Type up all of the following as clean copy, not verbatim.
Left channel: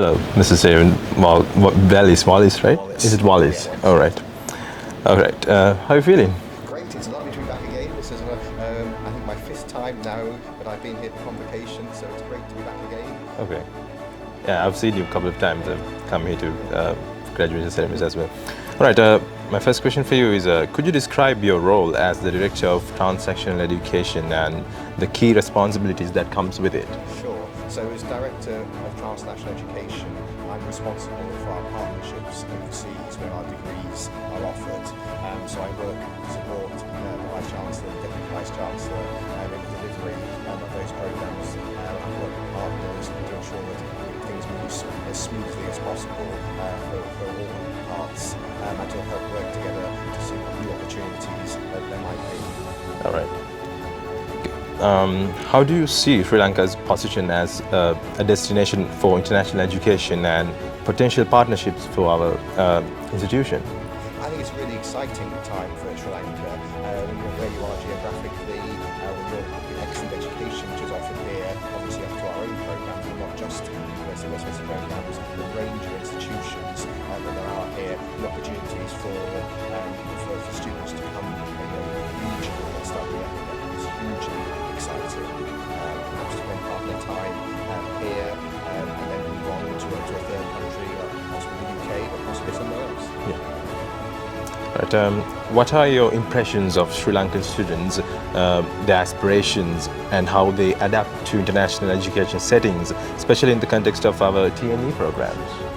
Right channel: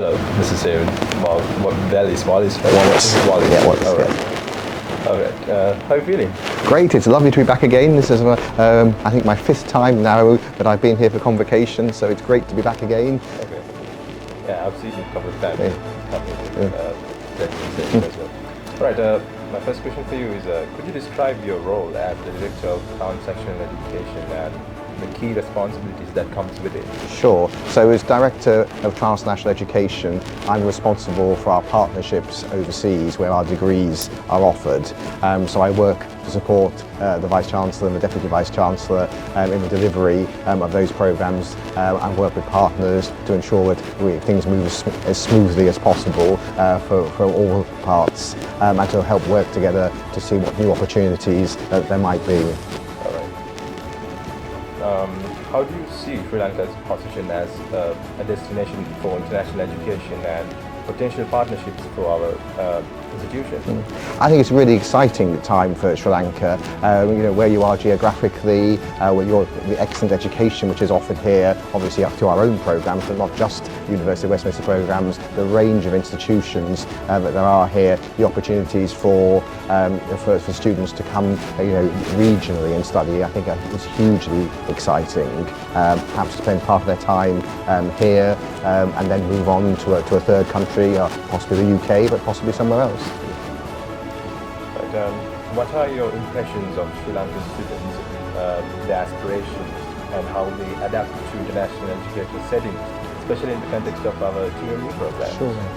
Hello, this is Aaron. Wallis, right? Wallis. This is Wallis. Yeah, Wallis. All right. How are you feeling? Great, it's lovely to be back again. This is, I think, my 5th time now that I've been here for Convocation, so it's great to be back again. Okay. Yeah, I've seen you a couple of times. Come here to graduate ceremonies as well. All right. My first question for you is, could you describe your role as the Director of Transactional Education and the key responsibilities that comes with it? Sure. So as Director of Transnational Education, I'm responsible for our partnerships overseas where our degrees are offered. So I work to support the Vice-Chancellor and the Deputy Vice-Chancellor in the delivery of those programmes and work with partners to ensure that things move as smoothly as possible for all parts and to help work together to see what new opportunities there might be. All right. How do you see Sri Lanka's position as a destination for international education and potential partnerships for our institution? I think it's a really exciting time for Sri Lanka. Where you are geographically, with the excellent education which is offered here, obviously up to our own programmes, but not just University of Westminster programmes, the range of institutions that there are here, the opportunities for students to come regionally and study, I think that is hugely exciting. Perhaps spend part of their time here and then move on to a third country, possibly the UK, but possibly somewhere else. Right, what are your impressions of Sri Lankan students, their aspirations and how they adapt to international education settings, especially in the context of our TNE program?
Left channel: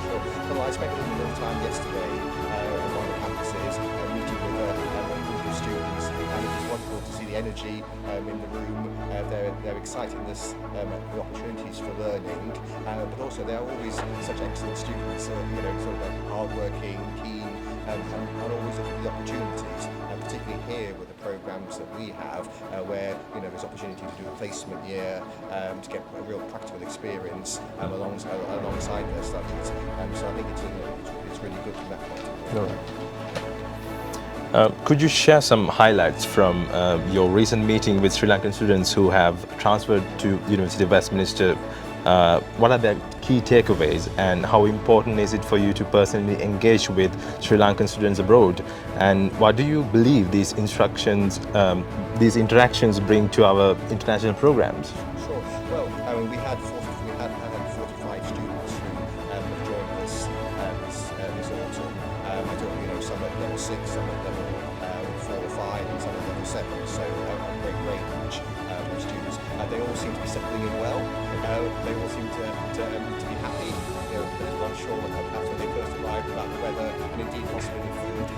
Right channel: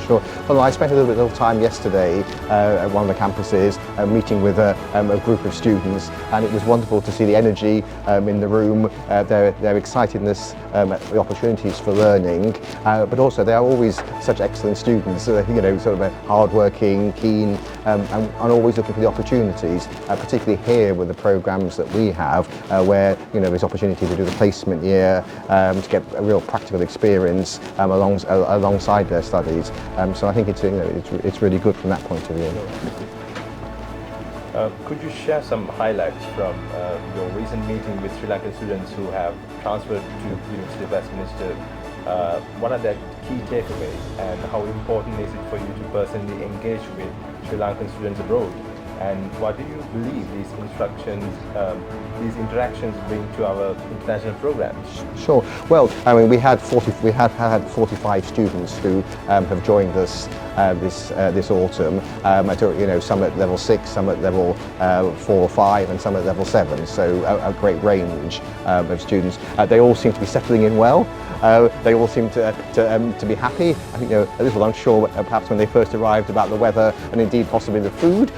Sure. Well, I spent a little time yesterday at one of the campuses meeting with a group of students, and it was wonderful to see the energy in the room, their excitedness at the opportunities for learning, but also they are always such excellent students, sort of hard-working, keen, and always looking for the opportunities, particularly here with the programs that we have, where there's opportunity to do the placement year, to get a real practical experience alongside their studies. So I think it's really good from that point of view. Could you share some highlights from your recent meeting with Sri Lankan students who have transferred to the University of Westminster? What are their key takeaways and how important is it for you to personally engage with Sri Lankan students abroad? And what do you believe these interactions bring to our international programs? Sure. Well, I mean, we had 45 students who have joined us this autumn. I took some at level 6, some at level 4 or 5, and some at level 7. So a great range of students. They all seem to be settling in well. They all seem to be happy. I think a little unsure perhaps when they first arrived about the weather and indeed possibly the food,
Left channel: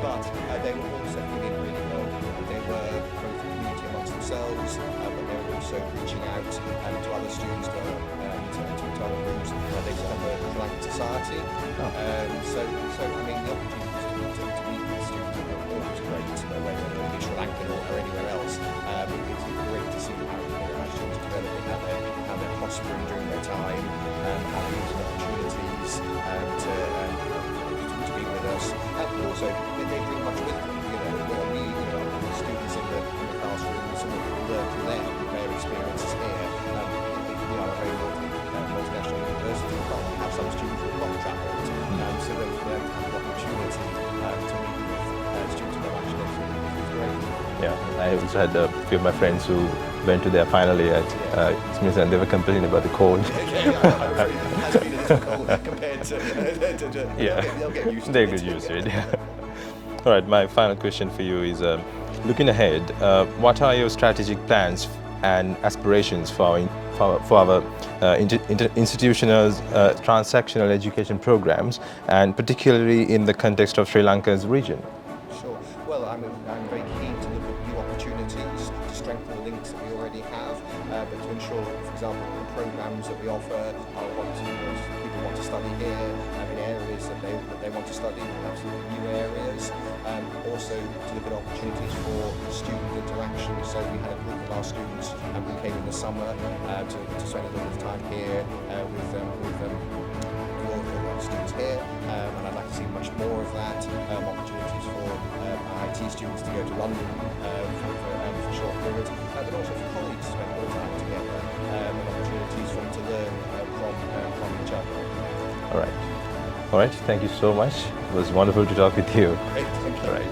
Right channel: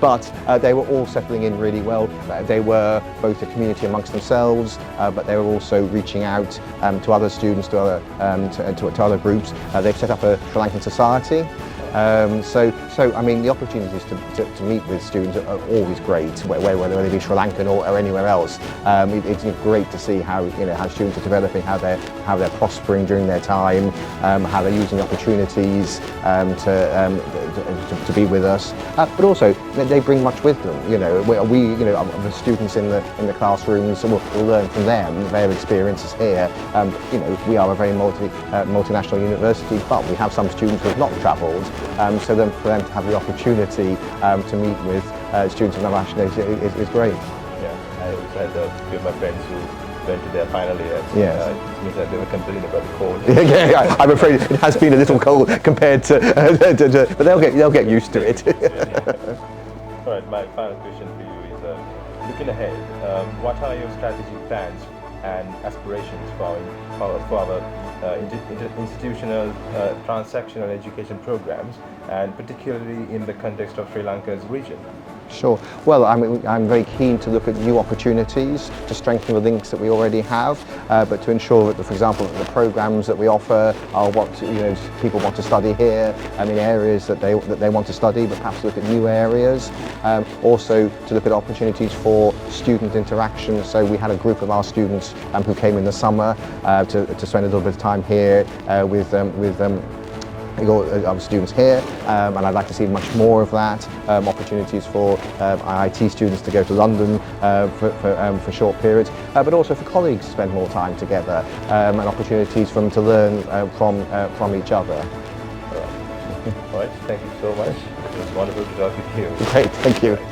but they were all settling in really well. They were both a community amongst themselves, but they were also reaching out to other students, to other groups. They've set up a Sri Lankan society. So I mean, the opportunities to meet with students are always great, whether they be Sri Lankan or anywhere else. It's great to see how students are developing, how they're prospering during their time, how they're using opportunities to be with us. But also they bring much with them. The students in the classrooms will learn from them, their experiences here. We are a very multinational university, but we have some students who have not travelled. So then for them to have the opportunity to meet with students of other nationalities is great. Yeah, I also had a few of my friends who went to their final year and they were complaining about the cold. Yeah, I'm afraid it has been a little cold compared to but they'll get used to it. All right, my final question for you is, looking ahead, what are your strategic plans and aspirations for our institutional transactional education programs, and particularly in the context of Sri Lanka's region? Sure. Well, I'm very keen to look at new opportunities to strengthen the links that we already have, but to ensure that, for example, the programs that we offer are what people want to study here, and in areas that they want to study, but perhaps look at new areas. Also, to look at opportunities for student interaction. So we had a group of our students who came in the summer to spend a little bit of time here with Our students here, and I'd like to see much more of that. Opportunities for IIT students to go to London for short periods, but also for colleagues to spend more time together, and opportunities for them to learn from each other. All right. All right. Thank you so much. It was wonderful to talk with you. Great. Thank you. Right.